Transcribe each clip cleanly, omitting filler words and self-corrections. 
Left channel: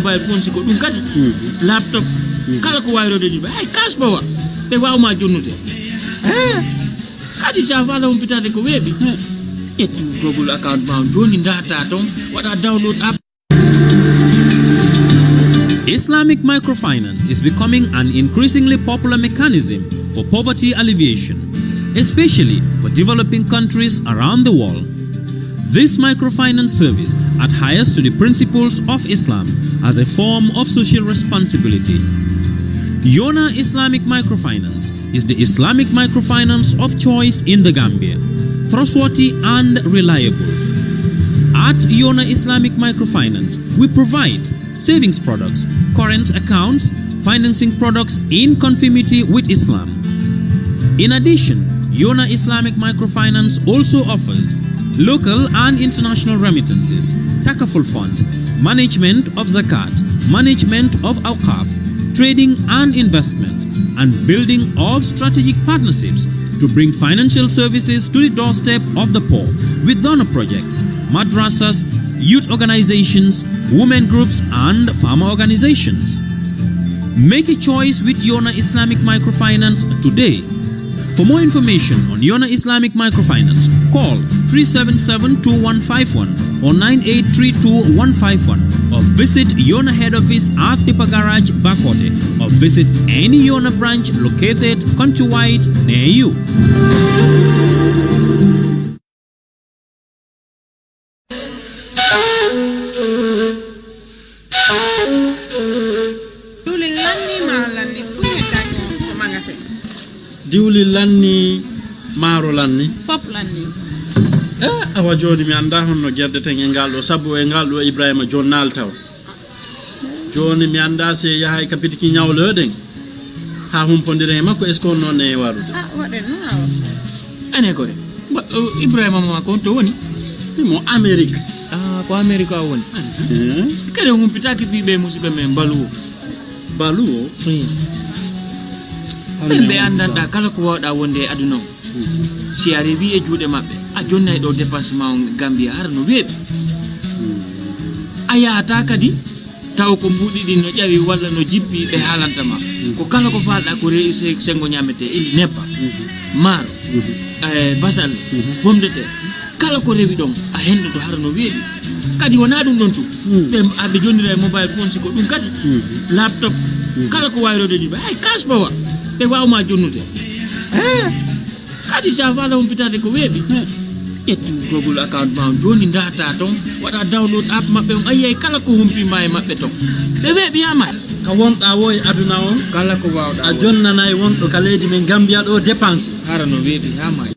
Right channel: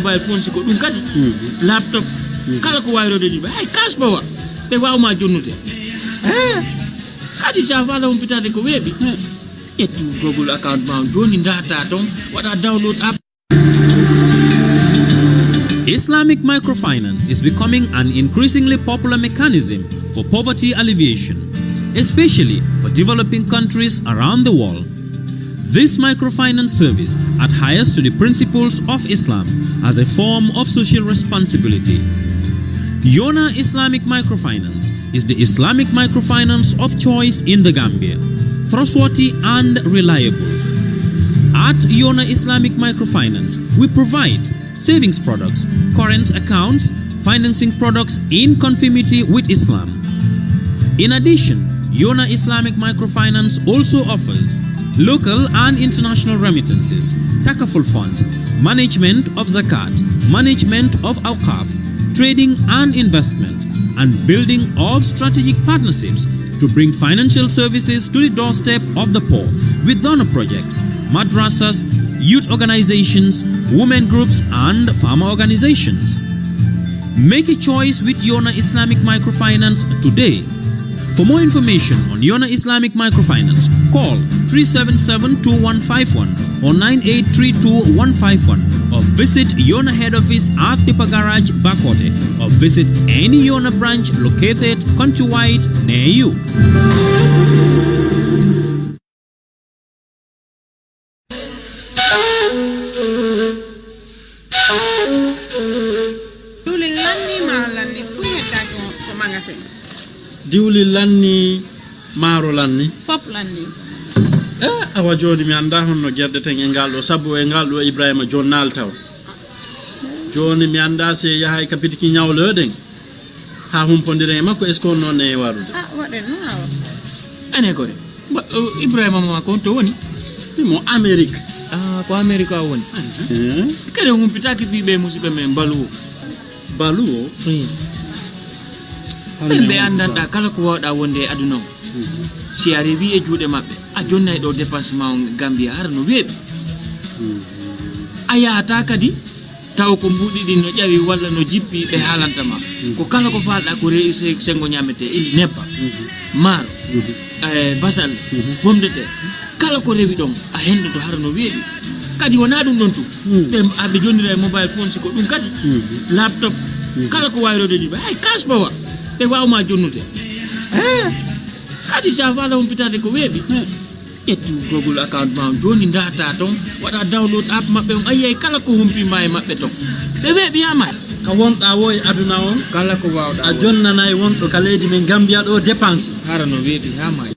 mobile phone siko dum kadi laptop kala ko wayro de ay cash bawa be wawma jonnute kadi sa fala on pitade ko webi etu Google account ma joni data don wada download app. Islamic microfinance is becoming an increasingly popular mechanism for poverty alleviation, especially for developing countries around the world. This microfinance service adheres to the principles of Islam as a form of social responsibility. Yona Islamic Microfinance is the Islamic microfinance of choice in the Gambia, trustworthy and reliable. At Yona Islamic Microfinance, we provide savings products, current accounts, financing products in conformity with Islam. In addition, Yona Islamic Microfinance also offers local and international remittances, takaful fund, management of zakat, management of awqaf, trading and investment, and building of strategic partnerships to bring financial services to the doorstep of the poor with donor projects, madrasas, youth organizations, women groups, and farmer organizations. Make a choice with Yona Islamic Microfinance today. For more information on Yona Islamic Microfinance, call 377-2151 or 9832-151 or visit Yona head office at Tipa Garage, Bakote, or visit any Yona branch located countrywide near you. Diwli lanni maro lanni Fop lanni awa joni mi anda honno gerdeten e ngaldo sabu e ngaldo Ibrahima jonnal taw joni mi anda se yahay kapitiki nyawloden ha humpondire makko est ce qu'on non e warude waden no ane ko Ibrahima ma ko to woni mo Amerique ko America woni kede humpitaki fi be musibe men baluwo be andanda kala ko wawda wonde aduna si arrivi e juude mabbe a jonna do dépassement Gambia har no webi aya ta kadi taw ko mbudi din no jawi walla no jippi be halanta ma ko kala ko falda ko reise sengo nyamete ili neppa maro basal bomdete kala ko rewi don a hendo to har no webi kadi wona dum don tu be abbe jonnira mobile phone siko dum kadi laptop kala ko wayro de ay cash bawa be wawma jonnute kadi sa fala on pitade ko webi etu Google account ma joni data don wada download app mabbe on ayay kala ko humpi may mabbe to be webi ama ka wonda woy aduna on kala ko wawda a jonnana e wondo ka leydi men Gambia do dépense harano webi ama.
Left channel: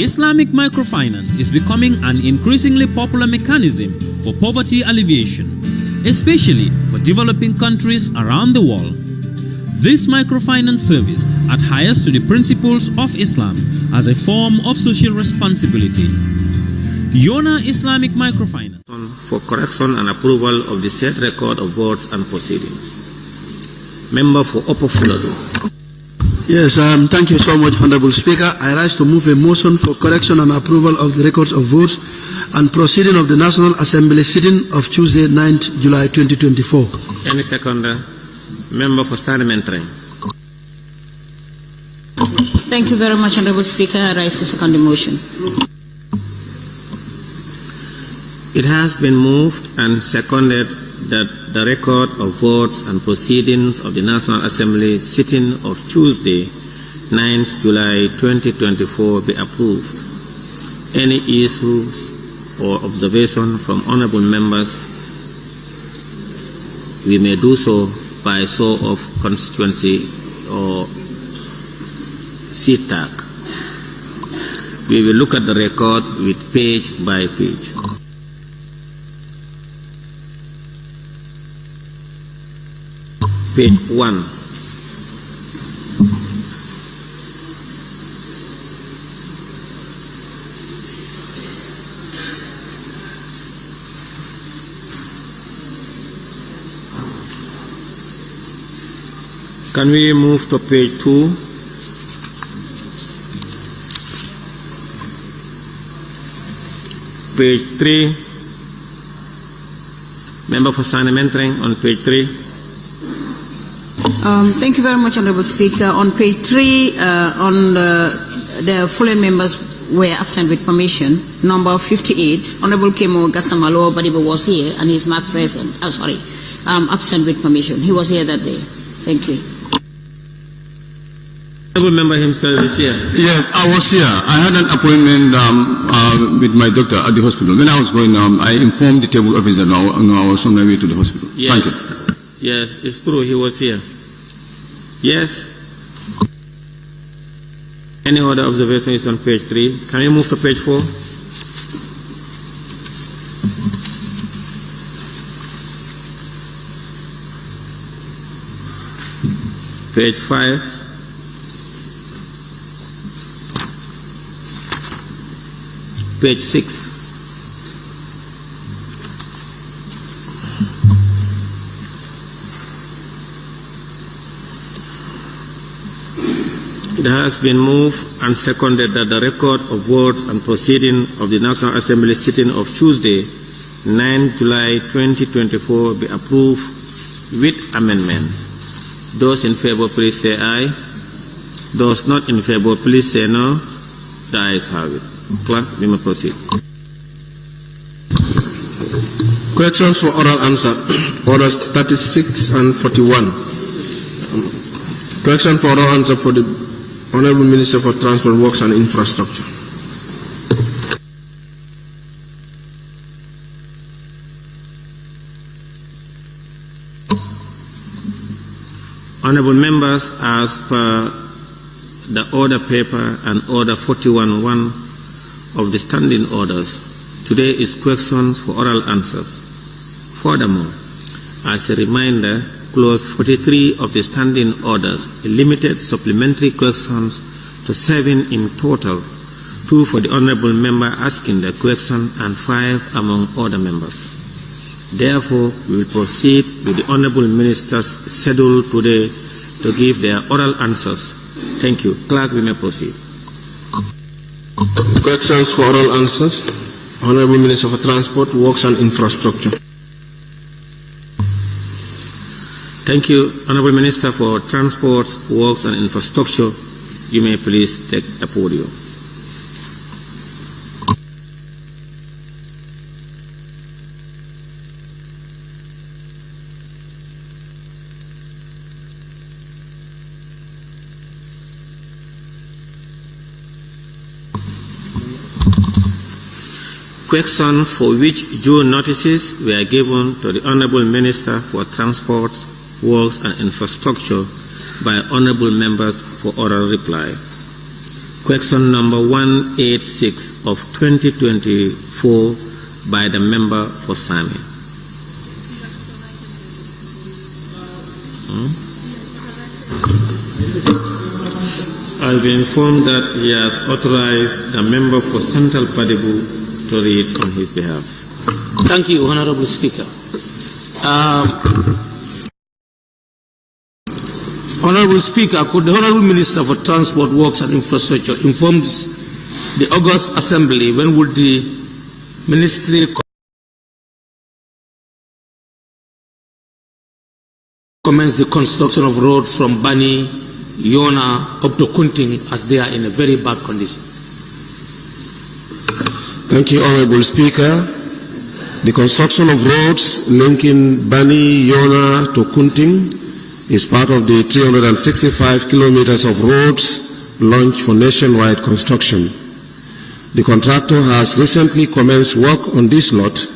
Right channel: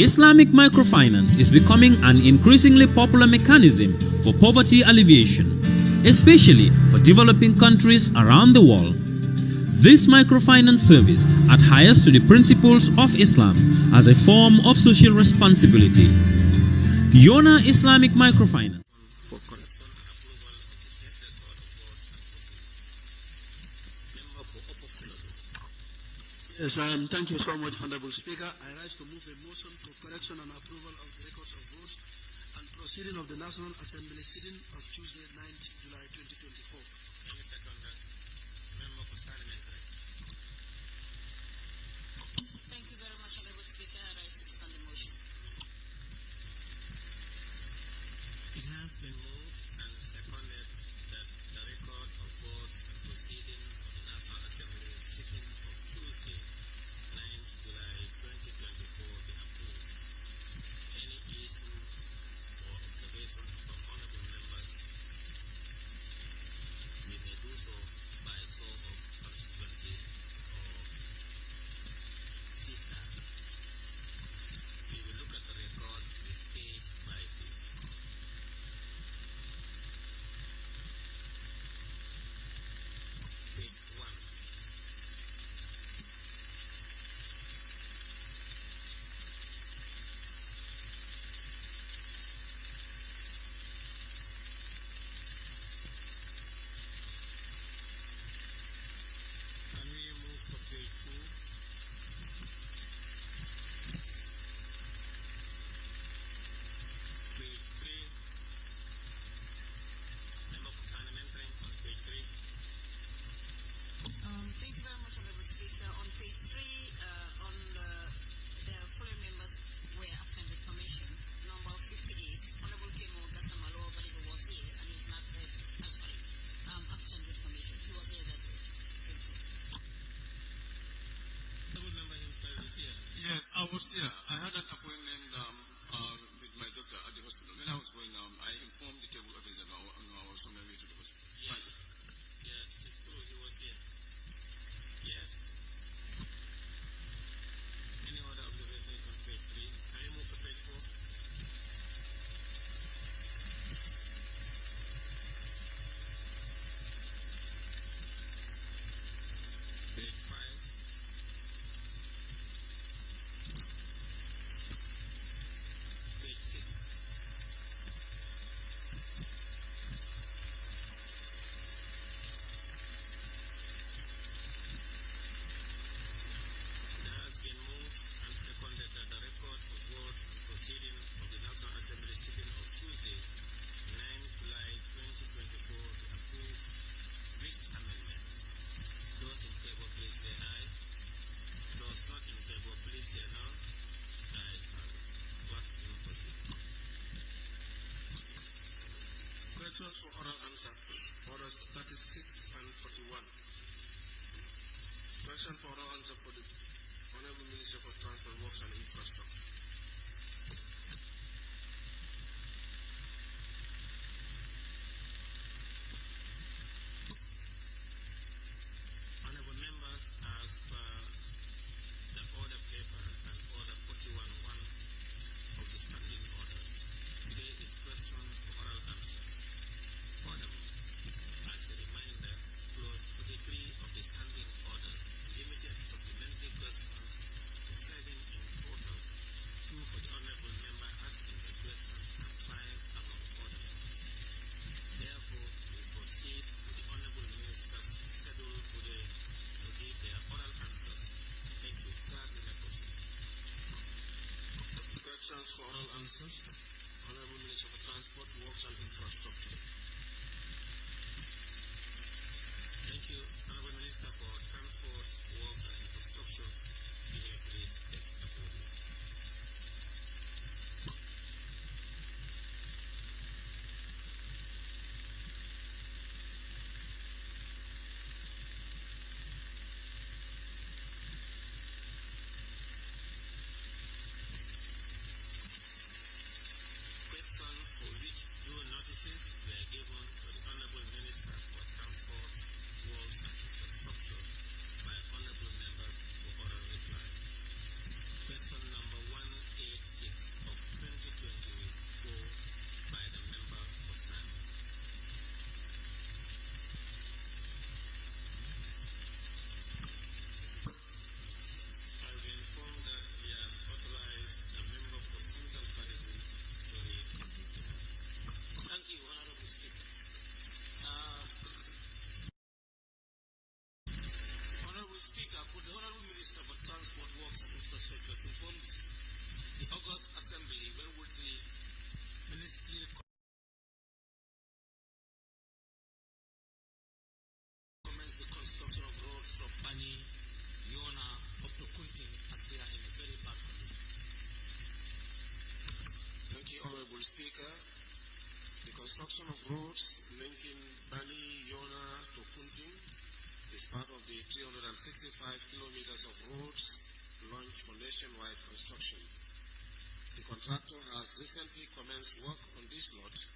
Islamic microfinance is becoming an increasingly popular mechanism for poverty alleviation, especially for developing countries around the world. This microfinance service adheres to the principles of Islam as a form of social responsibility. Yona Islamic Microfinance for correction and approval of the said record of votes and proceedings. Member for Upper Fuladu. Yes, thank you so much, Honorable Speaker. I rise to move a motion for correction and approval of the records of votes and proceeding of the National Assembly sitting of Tuesday, 9th July 2024. Any seconder? Member for Parliamentary. Thank you very much, Honorable Speaker. I rise to second the motion. It has been moved and seconded that the record of votes and proceedings of the National Assembly sitting of Tuesday, 9th July 2024 be approved. Any issues or observation from honorable members, we may do so by show of constituency or seat tag. We will look at the record with page by page. Page 1. Can we move to page 2? Page 3. Member for Sanementering on page 3. Thank you very much, Honorable Speaker. On page 3, the following members were absent with permission. Number 58, Honorable Kemo Gasamalo Badibo was here and he's marked present. Absent with permission. He was here that day. Thank you. Honorable member himself is here. Yes, I was here. I had an appointment with my doctor at the hospital. When I was going, I informed the table officer that I was on my way to the hospital. Yes. Thank you. Yes, it's true. He was here. Yes. Any other observation is on page 3. Can we move to page 4? Page 5. Page 6. It has been moved and seconded that the record of votes and proceeding of the National Assembly sitting of Tuesday, 9 July 2024 be approved with amendments. Those in favor, please say aye. Those not in favor, please say no. The ayes have it. Clerk, we may proceed. Corrections for oral answer. Orders 36 and 41. Correction for oral answer for the Honorable Minister for Transport, Works and Infrastructure. Honorable members, as per the order paper and order 41.1 of the standing orders, today is questions for oral answers. Furthermore, as a reminder, clause 43 of the standing orders limited supplementary questions to 7 in total, 2 for the honorable member asking the question and 5 among other members. Therefore, we will proceed with the honorable ministers scheduled today to give their oral answers. Thank you. Clerk, we may proceed. Questions for oral answers. Honorable Minister for Transport, Works and Infrastructure. Thank you, Honorable Minister for Transport, Works and Infrastructure. You may please take the podium. Questions for which due notices were given to the Honorable Minister for Transport, Works and Infrastructure by honorable members for oral reply. Question number 186 of 2024 by the member for Sami. I'll be informed that he has authorized the member for Central Padibu to read on his behalf. Thank you, Honorable Speaker. Honorable Speaker, could the Honorable Minister for Transport, Works and Infrastructure inform the August Assembly when would the ministry commence the construction of roads from Bani, Yona up to Kunting, as they are in a very bad condition? Thank you, Honorable Speaker. The construction of roads linking Bani, Yona to Kunting is part of the 365 kilometers of roads launched for nationwide construction. The contractor has recently commenced work on this lot,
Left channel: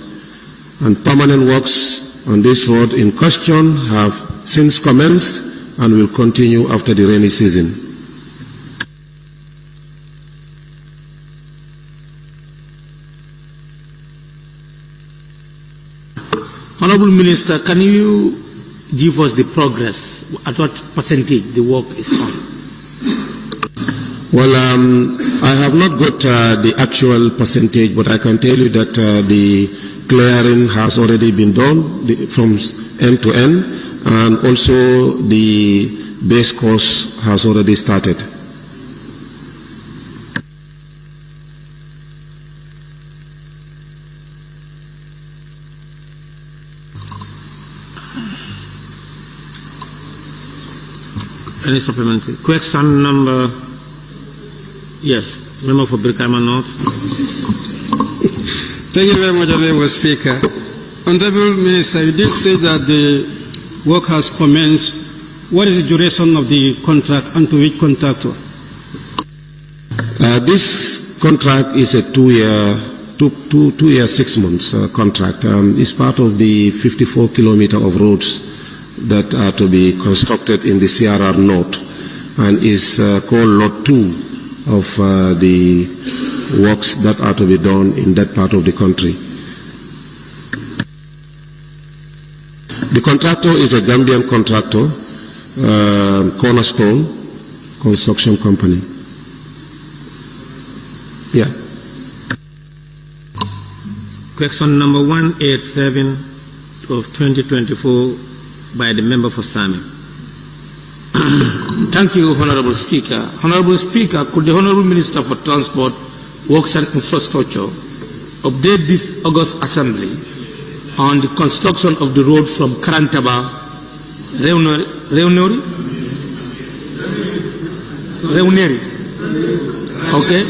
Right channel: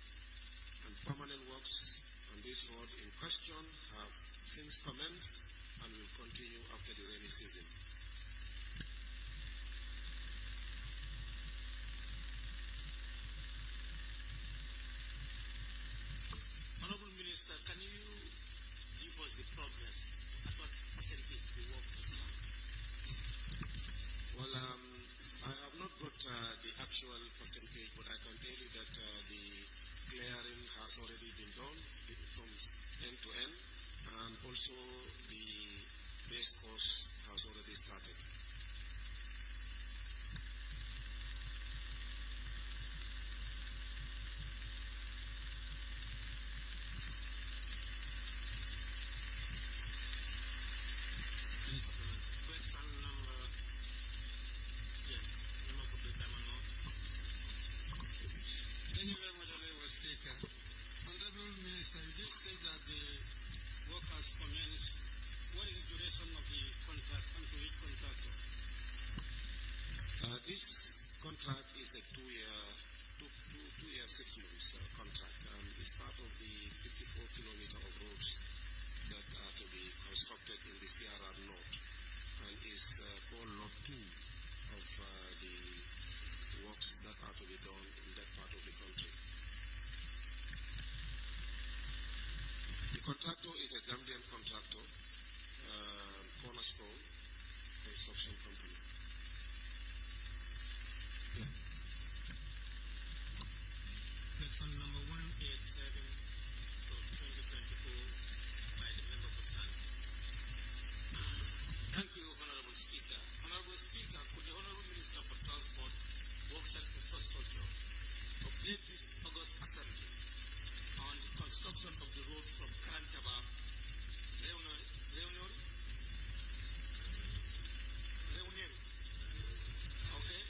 and permanent works on this road in question have since commenced and will continue after the rainy season. Honorable Minister, can you give us the progress? At what percentage the work is on? Well, I have not got the actual percentage, but I can tell you that the clearing has already been done from end to end, and also the base course has already started. Any supplementary? Question number, yes, member for Brikama North. Thank you very much, Honorable Speaker. Honorable Minister, you did say that the work has commenced. What is the duration of the contract and to which contractor? This contract is a 2-year, 6 months contract. It's part of the 54 kilometers of roads that are to be constructed in the CRR North, and is called Lot 2 of the works that are to be done in that part of the country. The contractor is a Gambian contractor, Cornerstone Construction Company. Yeah. Question number 187 of 2024 by the member for Sami. Thank you, Honorable Speaker. Honorable Speaker, could the Honorable Minister for Transport, Works and Infrastructure update this August Assembly on the construction of the road from Karantaba, Reuneri, okay,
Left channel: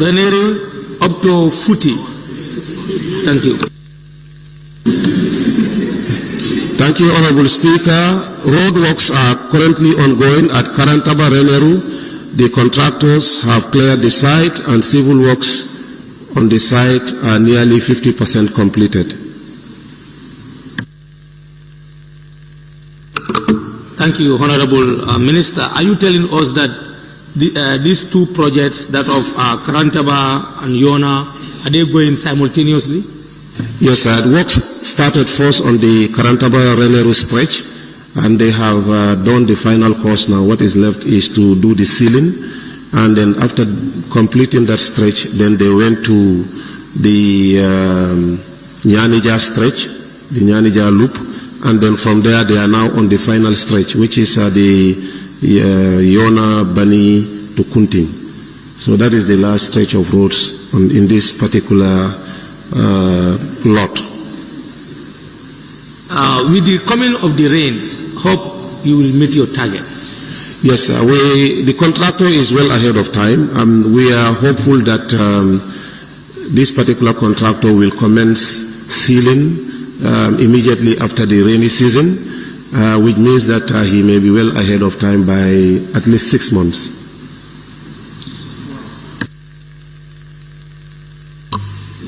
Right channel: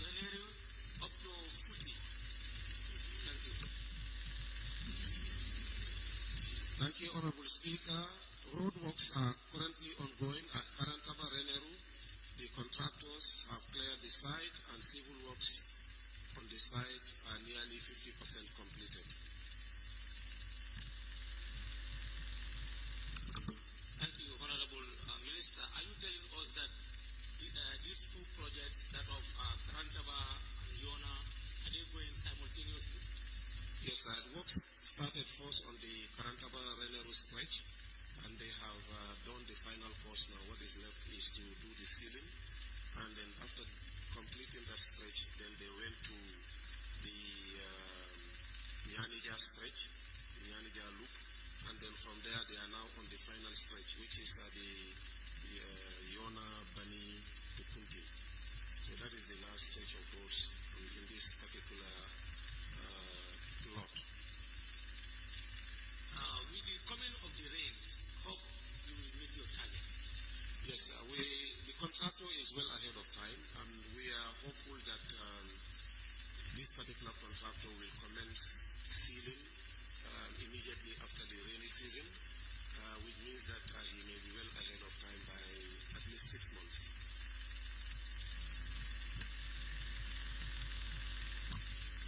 Reuneri up to Futi. Thank you. Thank you, Honorable Speaker. Road works are currently ongoing at Karantaba Reneru. The contractors have cleared the site, and civil works on the site are nearly 50% completed. Thank you, Honorable Minister. Are you telling us that these two projects, that of Karantaba and Yona, are they going simultaneously? Yes, sir. Works started first on the Karantaba-Reneru stretch, and they have done the final course now. What is left is to do the sealing, and then after completing that stretch, then they went to the Nyanija stretch, the Nyanija loop, and then from there they are now on the final stretch, which is the Yona, Bani to Kunting. So that is the last stretch of roads in this particular lot. With the coming of the rains, hope you will meet your targets. Yes, sir. The contractor is well ahead of time. We are hopeful that this particular contractor will commence sealing immediately after the rainy season, which means that he may be well ahead of time by at least 6 months.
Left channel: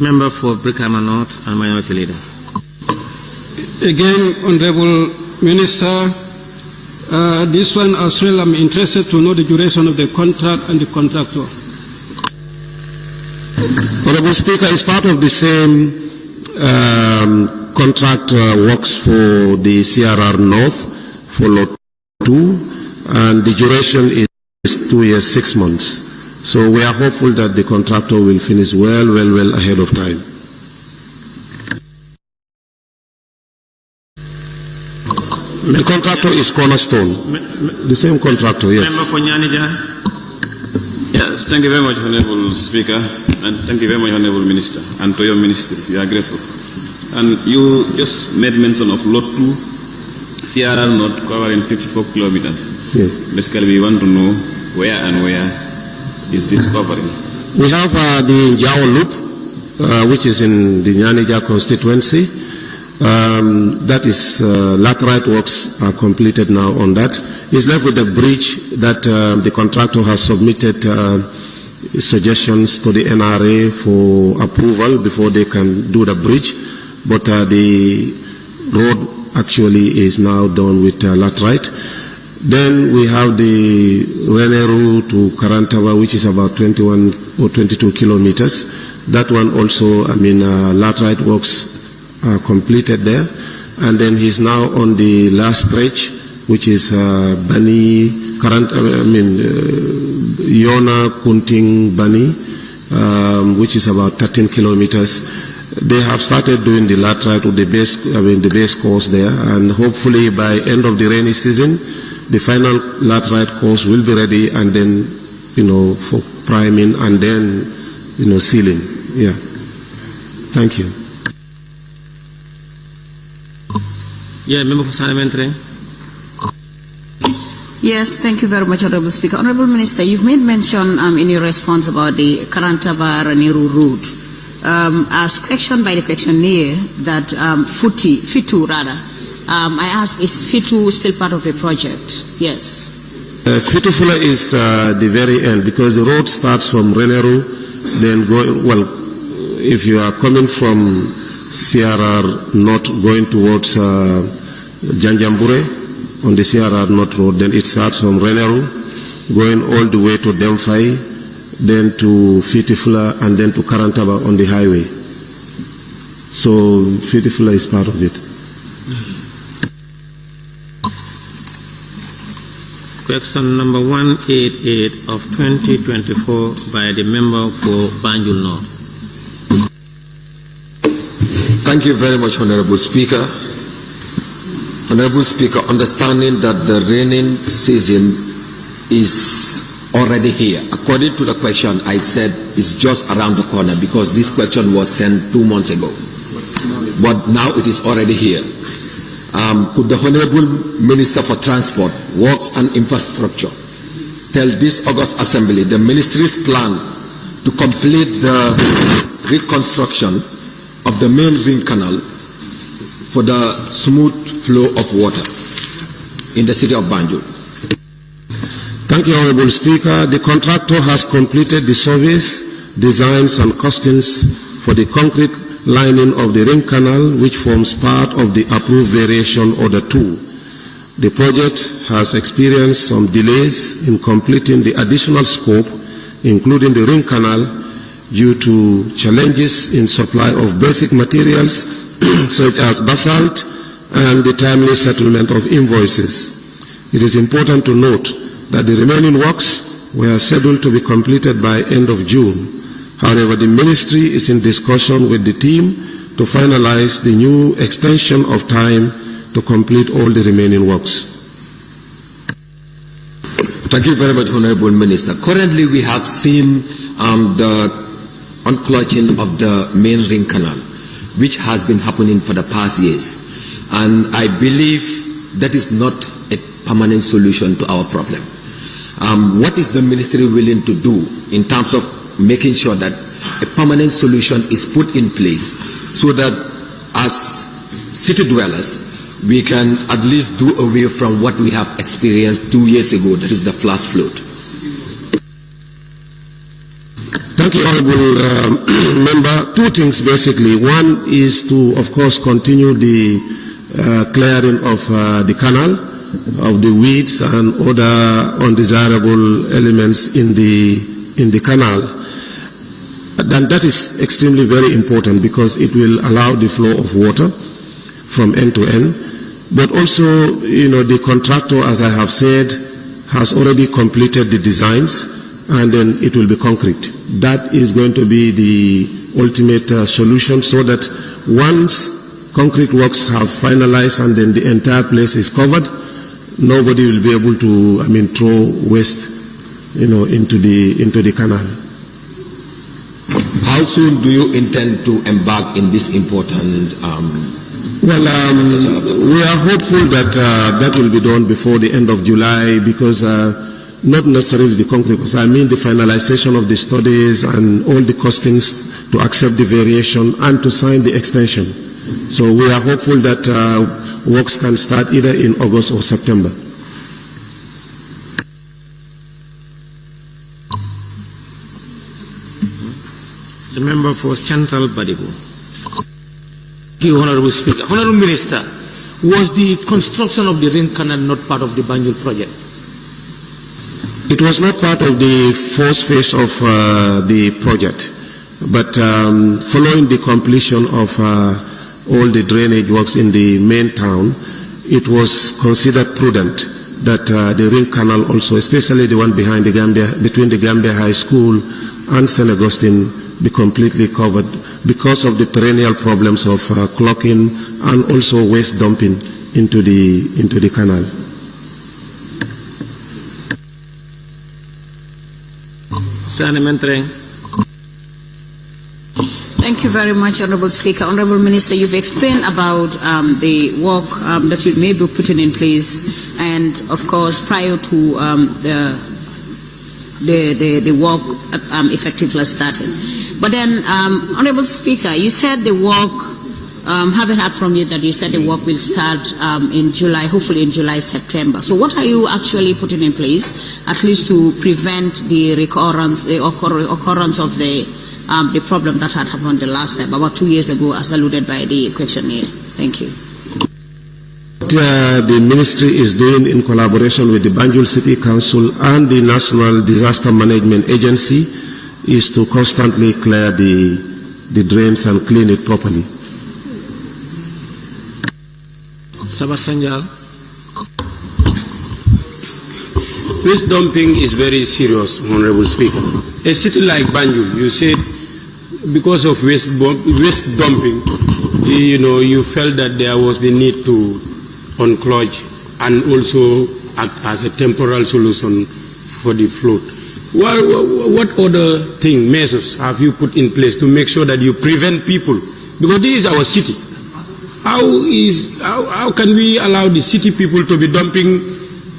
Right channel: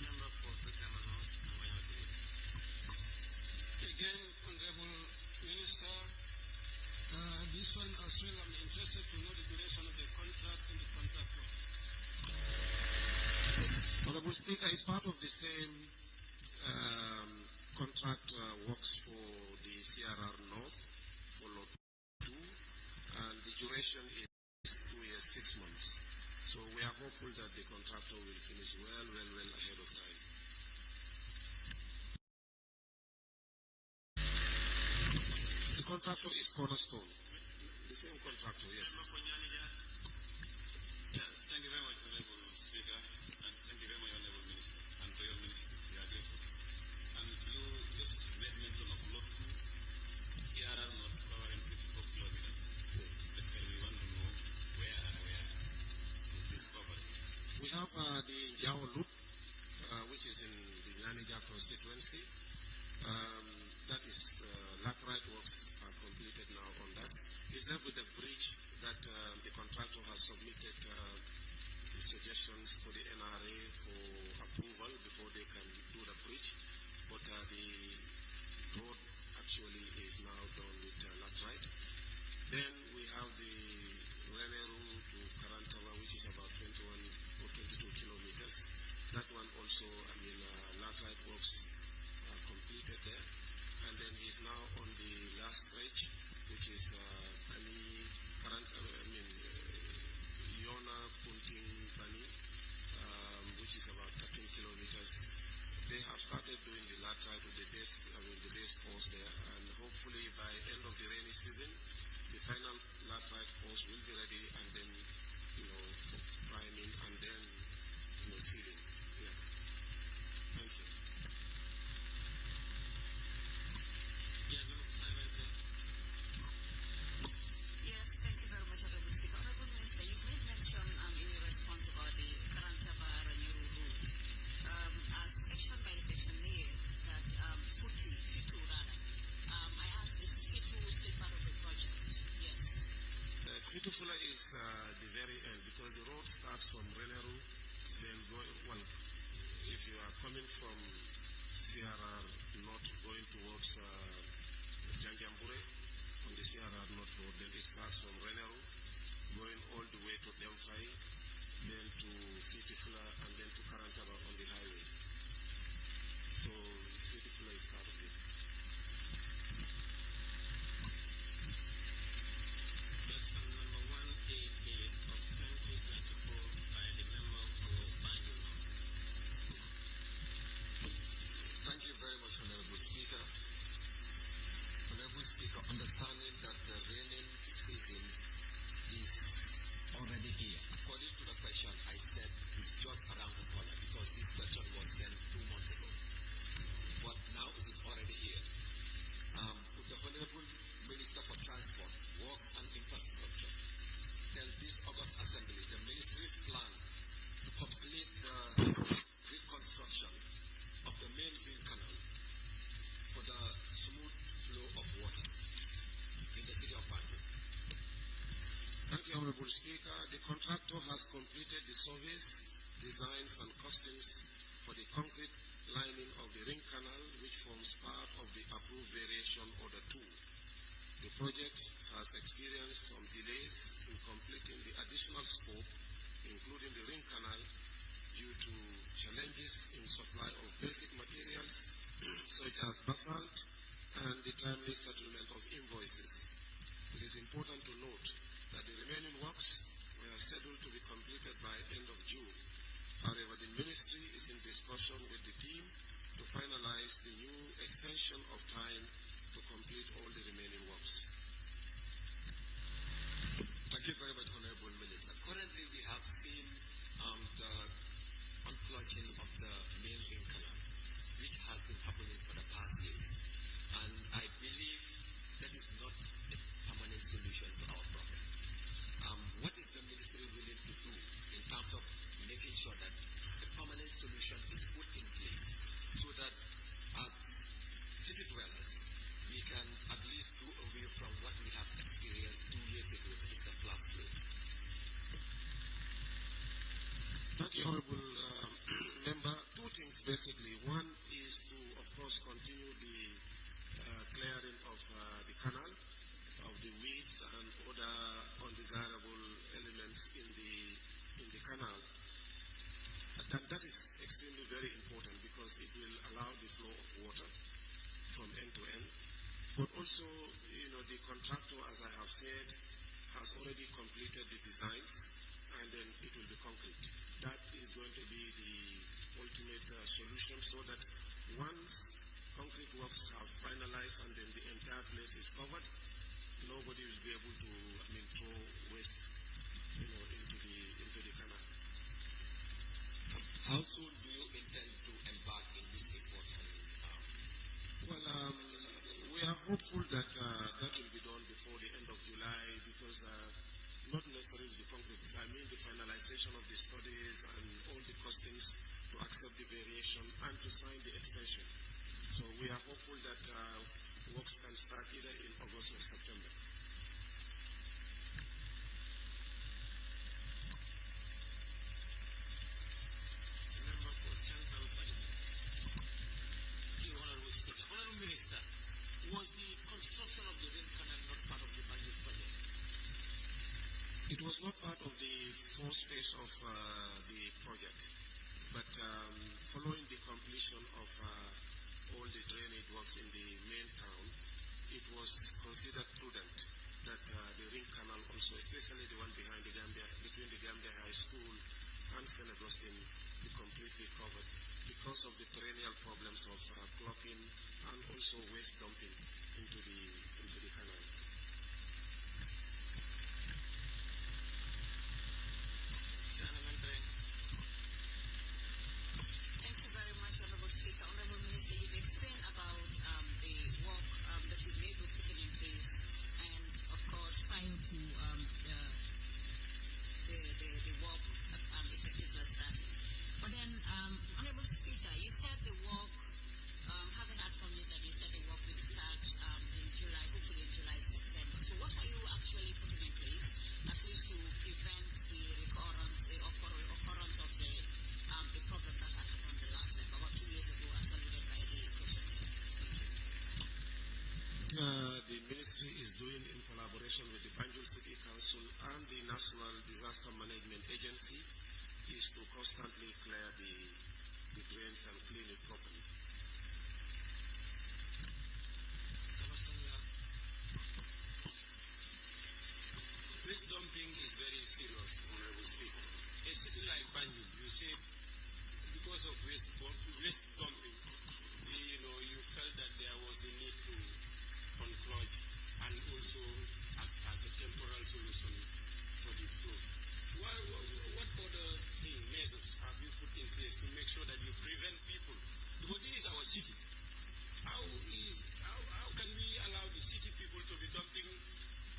Member for Brikama North and Minority Leader. Again, Honorable Minister, this one as well, I'm interested to know the duration of the contract and the contractor. Honorable Speaker, it's part of the same contract works for the CRR North for Lot 2, and the duration is 2 years, 6 months. So we are hopeful that the contractor will finish well ahead of time. The contractor is Cornerstone, the same contractor, yes. Member for Nyanija. Yes, thank you very much, Honorable Speaker, and thank you very much, Honorable Minister, and to your ministry. We are grateful. And you just made mention of Lot 2, CRR North, covering 54 kilometers. Yes. Basically, we want to know where and where is this covering. We have the Njao Loop, which is in the Nyanija constituency. That is, laterite works are completed now on that. It's left with the bridge that the contractor has submitted suggestions to the NRA for approval before they can do the bridge. But the road actually is now done with laterite. Then we have the Reneru to Karantaba, which is about 21 or 22 kilometers. That one also, laterite works are completed there. and then he's now on the last stretch, which is Bani, Yona, Kunting, Bani, which is about 13 kilometers. They have started doing the laterite with the base course there, and hopefully by end of the rainy season, the final laterite course will be ready, and then, for priming and then, sealing. Yeah. Thank you. Yeah, member for supplementary. Yes, thank you very much, Honorable Speaker. Honorable Minister, you've made mention in your response about the Karantaba-Raniru route. As questioned by the questionnaire that FITU rather, I asked, is FITU still part of the project? Yes. Fitufula is the very end, because the road starts from Reneru, then going, if you are coming from CRR North going towards Janjambure on the CRR North Road, then it starts from Reneru, going all the way to Demfai, then to Fitufula, and then to Karantaba on the highway. So Fitufula is part of it. Question number 188 of 2024 by the member for Banjul North. Thank you very much, Honorable Speaker. Honorable Speaker, understanding that the raining season is already here. According to the question, I said it's just around the corner because this question was sent 2 months ago. But now it is already here. Could the Honorable Minister for Transport, Works and Infrastructure tell this August Assembly the Ministry's plan to complete the reconstruction of the main ring canal for the smooth flow of water in the city of Banjul? Thank you, Honorable Speaker. The contractor has completed the surveys, designs and costings for the concrete lining of the ring canal, which forms part of the approved variation order 2. The project has experienced some delays in completing the additional scope, including the ring canal, due to challenges in supply of basic materials such as basalt and the timely settlement of invoices. It is important to note that the remaining works were scheduled to be completed by end of June. However, the Ministry is in discussion with the team to finalize the new extension of time to complete all the remaining works. Thank you very much, Honorable Minister. Currently, we have seen the unclutching of the main ring canal, which has been happening for the past years. And I believe that is not a permanent solution to our problem. What is the Ministry willing to do in terms of making sure that a permanent solution is put in place so that as city dwellers, we can at least do away from what we have experienced 2 years ago, that is the flash flood? Thank you, Honorable Member. Two things basically. One is to, of course, continue the clearing of the canal, of the weeds and other undesirable elements in the canal. And that is extremely very important because it will allow the flow of water from end to end. But also, the contractor, as I have said, has already completed the designs, and then it will be concrete. That is going to be the ultimate solution, so that once concrete works have finalized and then the entire place is covered, nobody will be able to, throw waste, into the canal. How soon do you intend to embark in this important? We are hopeful that that will be done before the end of July, because not necessarily the concrete, because the finalization of the studies and all the costings to accept the variation and to sign the extension. So we are hopeful that works can start either in August or September. The member for Central Badibu. Thank you, Honorable Speaker. Honorable Minister, was the construction of the ring canal not part of the Banjul project? It was not part of the first phase of the project, but following the completion of all the drainage works in the main town, it was considered prudent that the ring canal also, especially the one behind the Gambia, between the Gambia High School and St. Augustine, be completely covered because of the perennial problems of clogging and also waste dumping into the canal. Thank you very much, Honorable Speaker. Honorable Minister, you've explained about the work that you may be putting in place, and of course, prior to the work effectively starting. But then, Honorable Speaker, you said the work, haven't heard from you that you said the work will start in July, hopefully in July, September. So what are you actually putting in place, at least to prevent the occurrence of the problem that had happened the last time, about 2 years ago, as alluded by the questionnaire? Thank you. What the ministry is doing in collaboration with the Banjul City Council and the National Disaster Management Agency is to constantly clear the drains and clean it properly. Sabasanjal. Waste dumping is very serious, Honorable Speaker. A city like Banjul, you said because of waste dumping, you felt that there was the need to unclog and also act as a temporal solution for the flood. What other measures have you put in place to make sure that you prevent people? Because this is our city. How can we allow the city people to be dumping,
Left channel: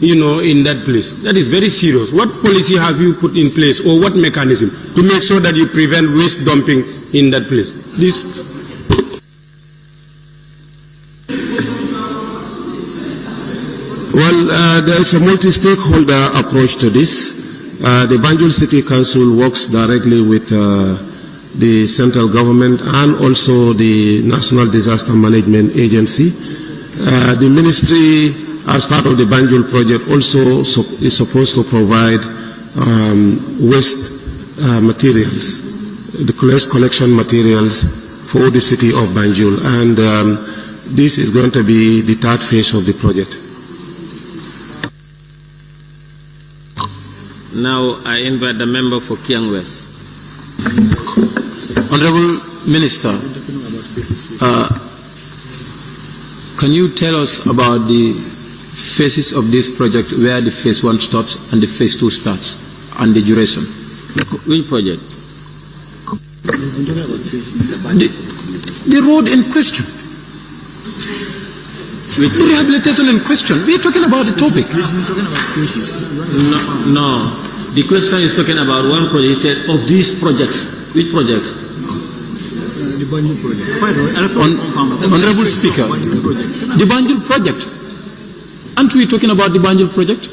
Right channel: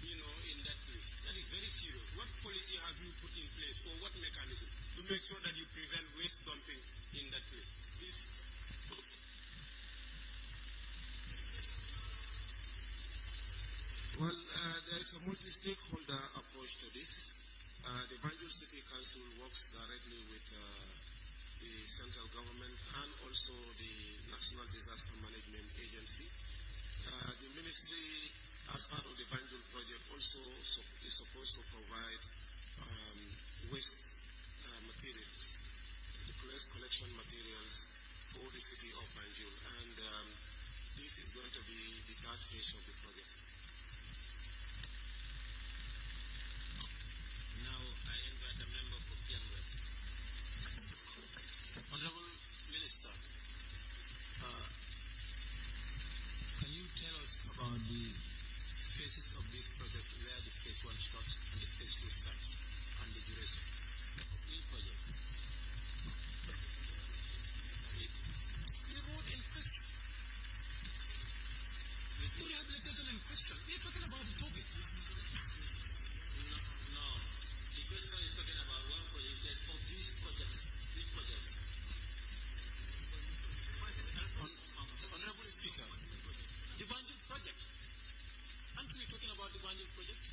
in that place? That is very serious. What policy have you put in place, or what mechanism to make sure that you prevent waste dumping in that place? Well, there is a multi-stakeholder approach to this. The Banjul City Council works directly with the central government and also the National Disaster Management Agency. The ministry, as part of the Banjul project, also is supposed to provide waste materials, the waste collection materials for the city of Banjul. And this is going to be the third phase of the project. Now I invite the member for Kiang West. Honorable Minister, can you tell us about the phases of this project, where the phase 1 stops and the phase 2 starts, and the duration? Which project? The road in question. The rehabilitation in question. We are talking about the topic. We're talking about phases. No. The question is talking about one project. He said, of these projects, which projects? The Banjul project. Honorable Speaker, the Banjul project. Aren't we talking about the Banjul project?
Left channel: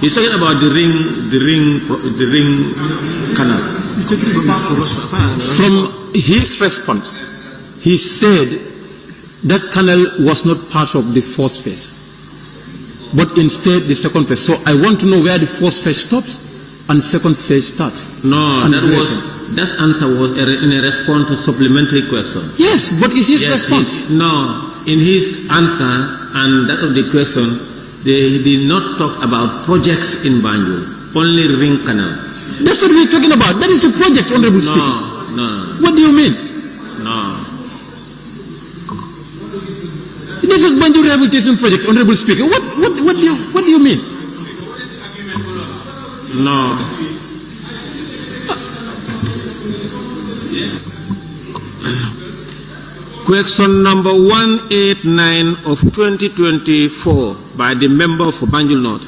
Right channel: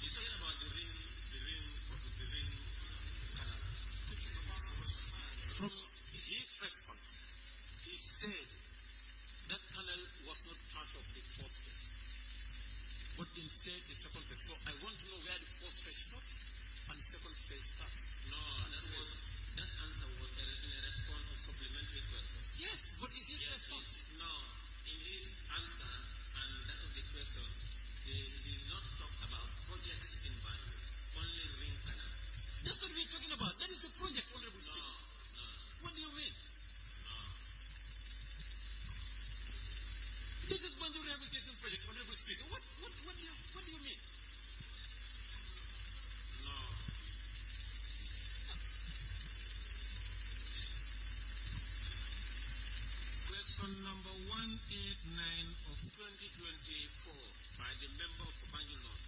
He's talking about the ring canal. From his response, he said that canal was not part of the first phase, but instead the second phase. So I want to know where the first phase stops and second phase starts. No, that answer was in a response to supplementary question. Yes, but is his response? In his answer and that of the question, they did not talk about projects in Banjul, only ring canal. That's what we're talking about. That is a project, Honorable Speaker. No. What do you mean? No. This is Banjul Rehabilitation Project, Honorable Speaker. What do you mean? No. Question number 189 of 2024 by the member for Banjul North.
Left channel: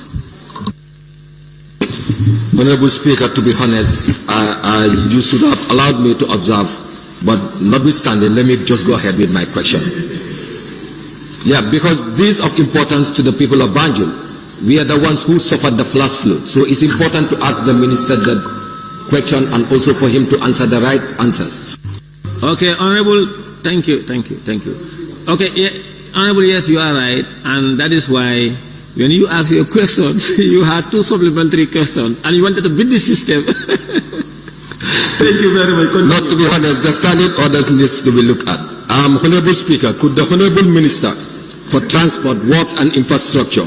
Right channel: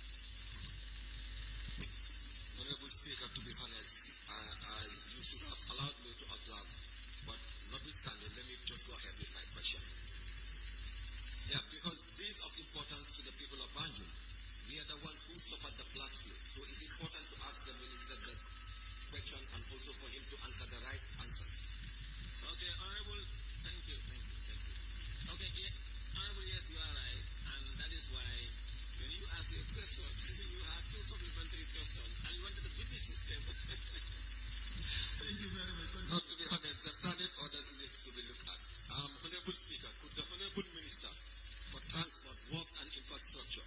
Honorable Speaker, to be honest, you should have allowed me to observe, but notwithstanding, let me just go ahead with my question. Yeah, because this is of importance to the people of Banjul. We are the ones who suffered the flash flood. So it's important to ask the minister the question and also for him to answer the right answers. Okay, Honorable, thank you. Okay, yeah, Honorable, yes, you are right. And that is why when you ask your questions, you had two supplementary questions and you wanted to beat the system. Thank you very much. Not to be honest, the standing orders needs to be looked at. Honorable Speaker, could the Honorable Minister for Transport, Works and Infrastructure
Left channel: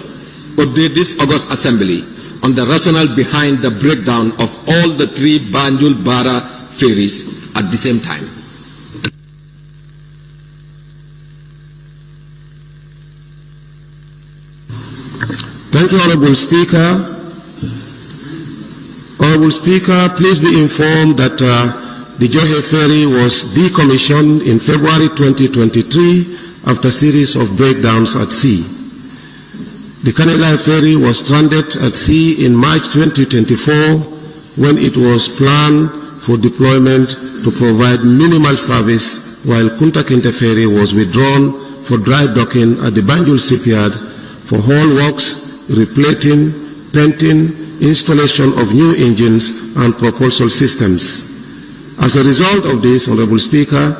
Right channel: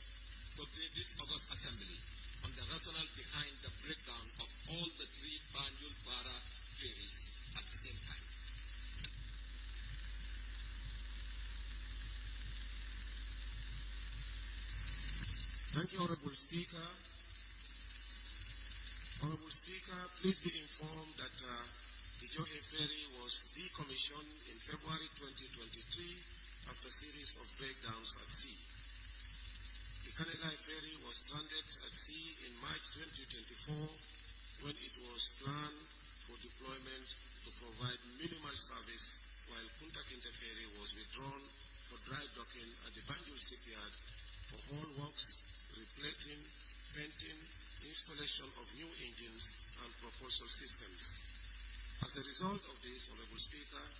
update this August Assembly on the rationale behind the breakdown of all the 3 Banjul-Barra ferries at the same time? Thank you, Honorable Speaker. Honorable Speaker, please be informed that the Johe ferry was decommissioned in February 2023 after a series of breakdowns at sea. The canal ferry was stranded at sea in March 2024 when it was planned for deployment to provide minimal service, while Kunta Kinte ferry was withdrawn for dry docking at the Banjul shipyard for haul works, replating, painting, installation of new engines and propulsion systems. As a result of this, Honorable Speaker,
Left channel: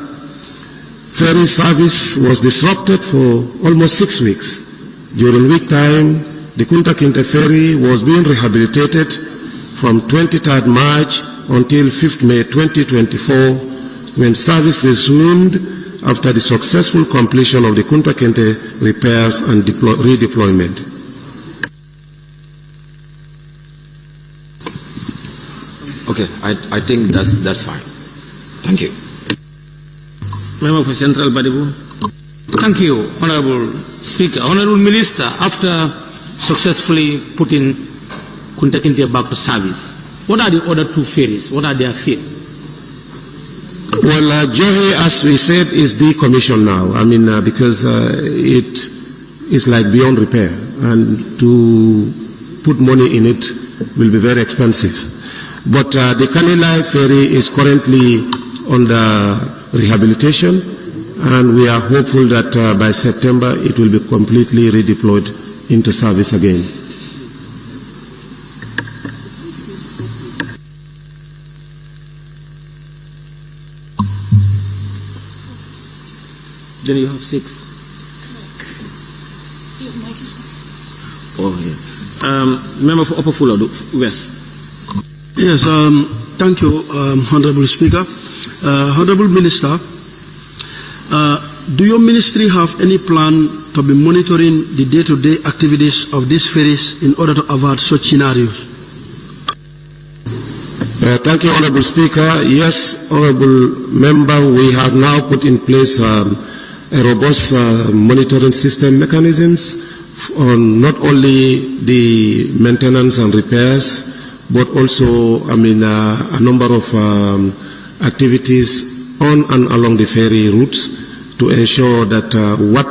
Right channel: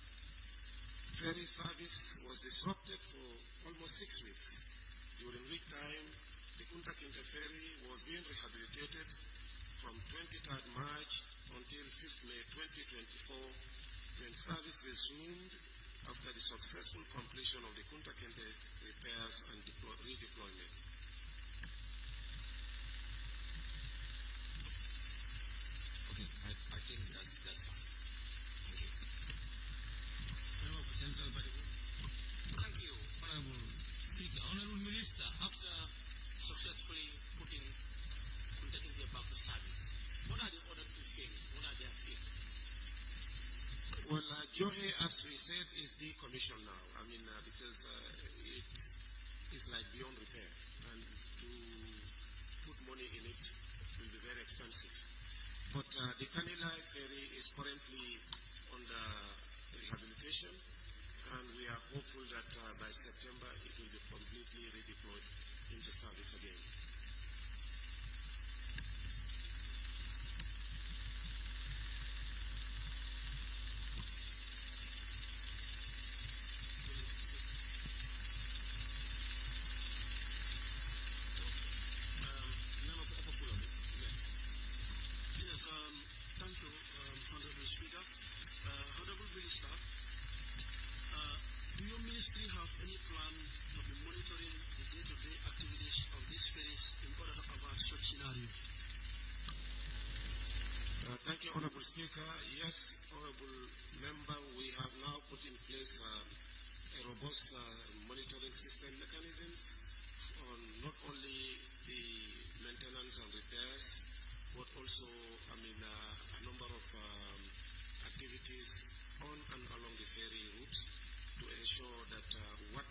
ferry service was disrupted for almost 6 weeks. During week time, the Kunta Kinte ferry was being rehabilitated from 23rd March until 5th May 2024, when service resumed after the successful completion of the Kunta Kinte repairs and redeployment. Okay, I think that's fine. Thank you. Member for Central Badibu. Thank you, Honorable Speaker. Honorable Minister, after successfully putting Kunta Kinte back to service, what are the other 2 ferries? What are their fate? Well, Johe, as we said, is decommissioned now. I mean, because it is like beyond repair, and to put money in it will be very expensive. But the Kanilai ferry is currently under rehabilitation, and we are hopeful that by September it will be completely redeployed into service again. Then you have 6. Oh, yeah. Member for Upper Fuller West. Yes, thank you, Honorable Speaker. Honorable Minister, do your ministry have any plan to be monitoring the day-to-day activities of these ferries in order to avert such scenarios? Thank you, Honorable Speaker. Yes, Honorable Member, we have now put in place a robust monitoring system mechanisms on not only the maintenance and repairs, but also, I mean, a number of activities on and along the ferry routes to ensure that what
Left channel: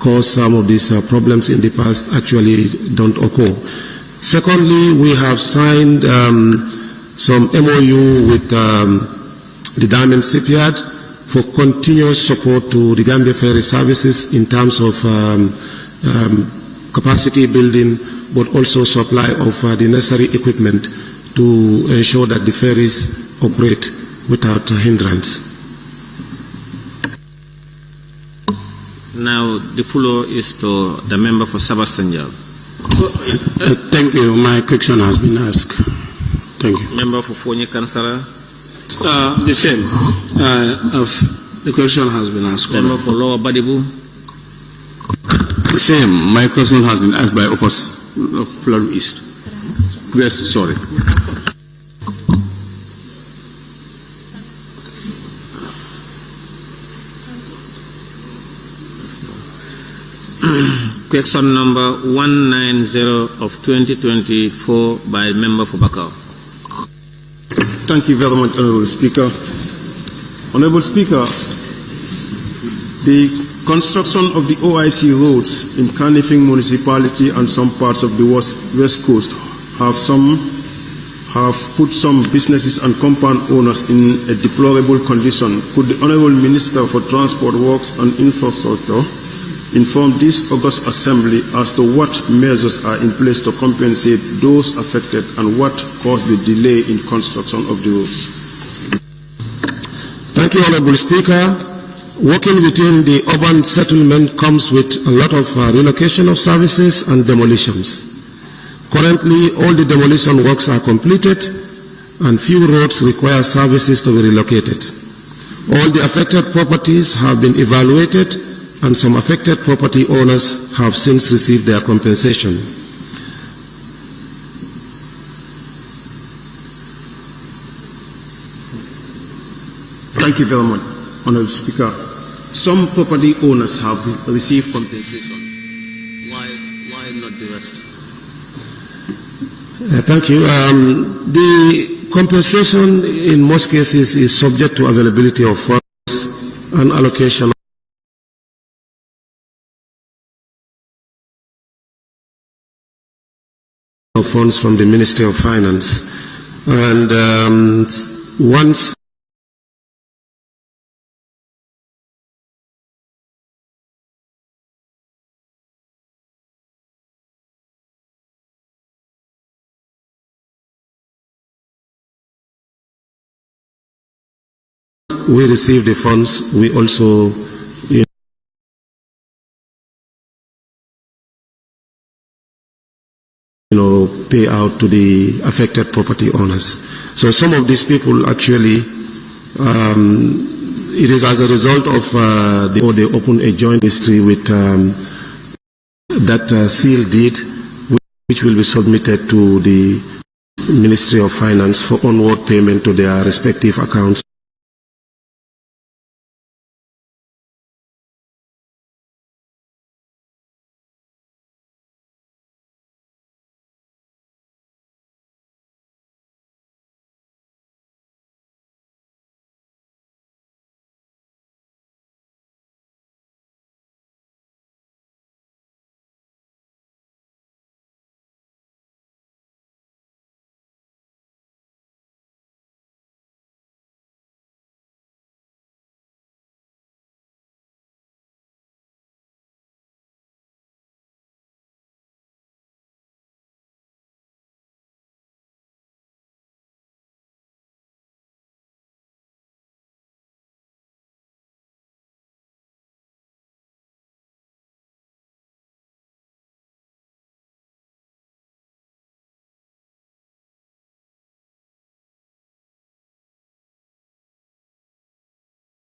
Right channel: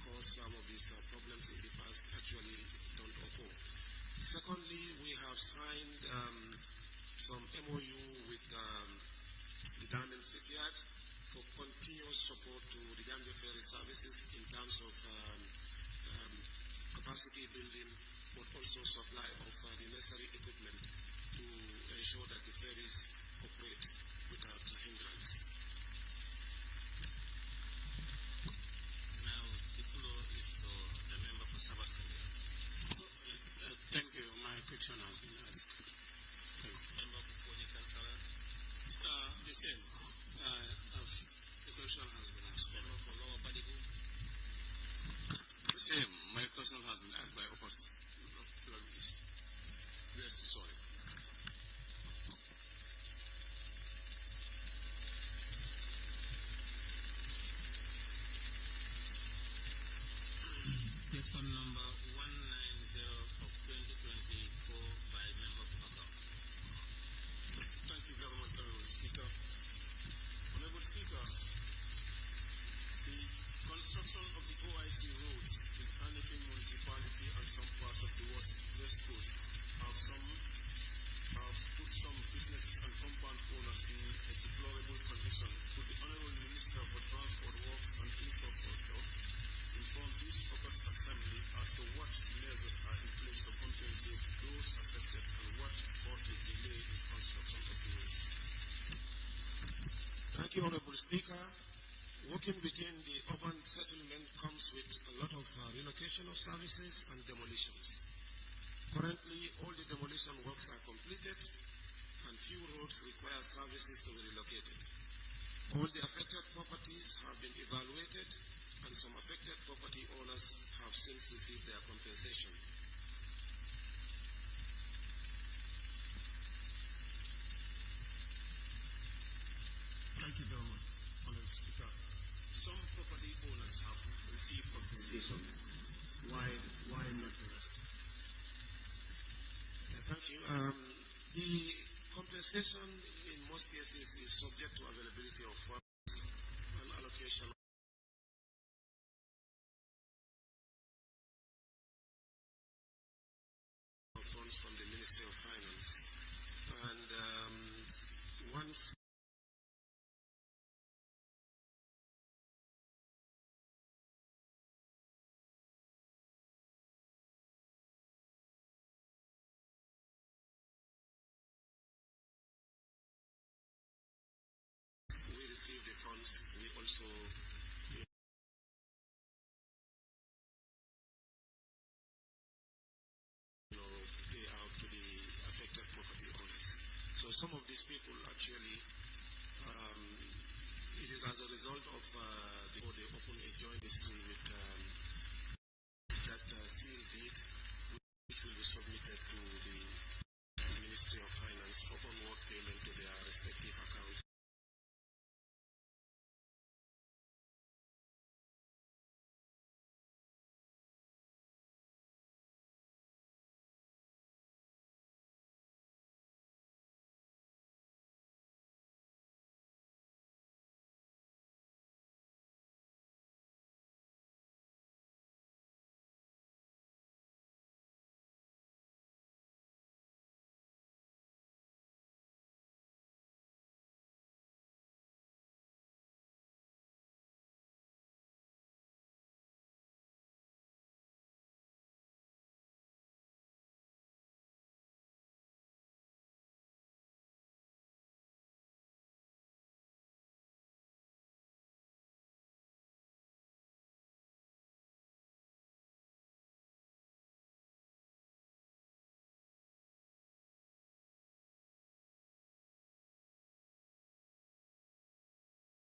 caused some of these problems in the past actually don't occur. Secondly, we have signed some MOU with the Diamond Shipyard for continuous support to the Gambia ferry services in terms of capacity building, but also supply of the necessary equipment to ensure that the ferries operate without hindrance. Now the floor is to the member for Sabastanjal. Thank you. My question has been asked. Thank you. Member for Fonyi Kansara. The same. The question has been asked. Member for Lower Badibu. The same. My question has been asked by Flood East. West, sorry. Question number 190 of 2024 by member for Bakau. Thank you very much, Honorable Speaker. Honorable Speaker, the construction of the OIC roads in Kanifing municipality and some parts of the west coast have put some businesses and compound owners in a deplorable condition. Could the Honorable Minister for Transport, Works and Infrastructure inform this August Assembly as to what measures are in place to compensate those affected and what caused the delay in construction of the roads? Thank you, Honorable Speaker. Working within the urban settlement comes with a lot of relocation of services and demolitions. Currently, all the demolition works are completed and few roads require services to be relocated. All the affected properties have been evaluated, and some affected property owners have since received their compensation. Thank you very much, Honorable Speaker. Some property owners have received compensation. Why not the rest? Thank you. The compensation in most cases is subject to availability of funds and allocation of funds from the Ministry of Finance. And once we receive the funds, we also pay out to the affected property owners. So some of these people actually, it is as a result of they open a joint registry with that seal deed, which will be submitted to the Ministry of Finance for onward payment to their respective accounts.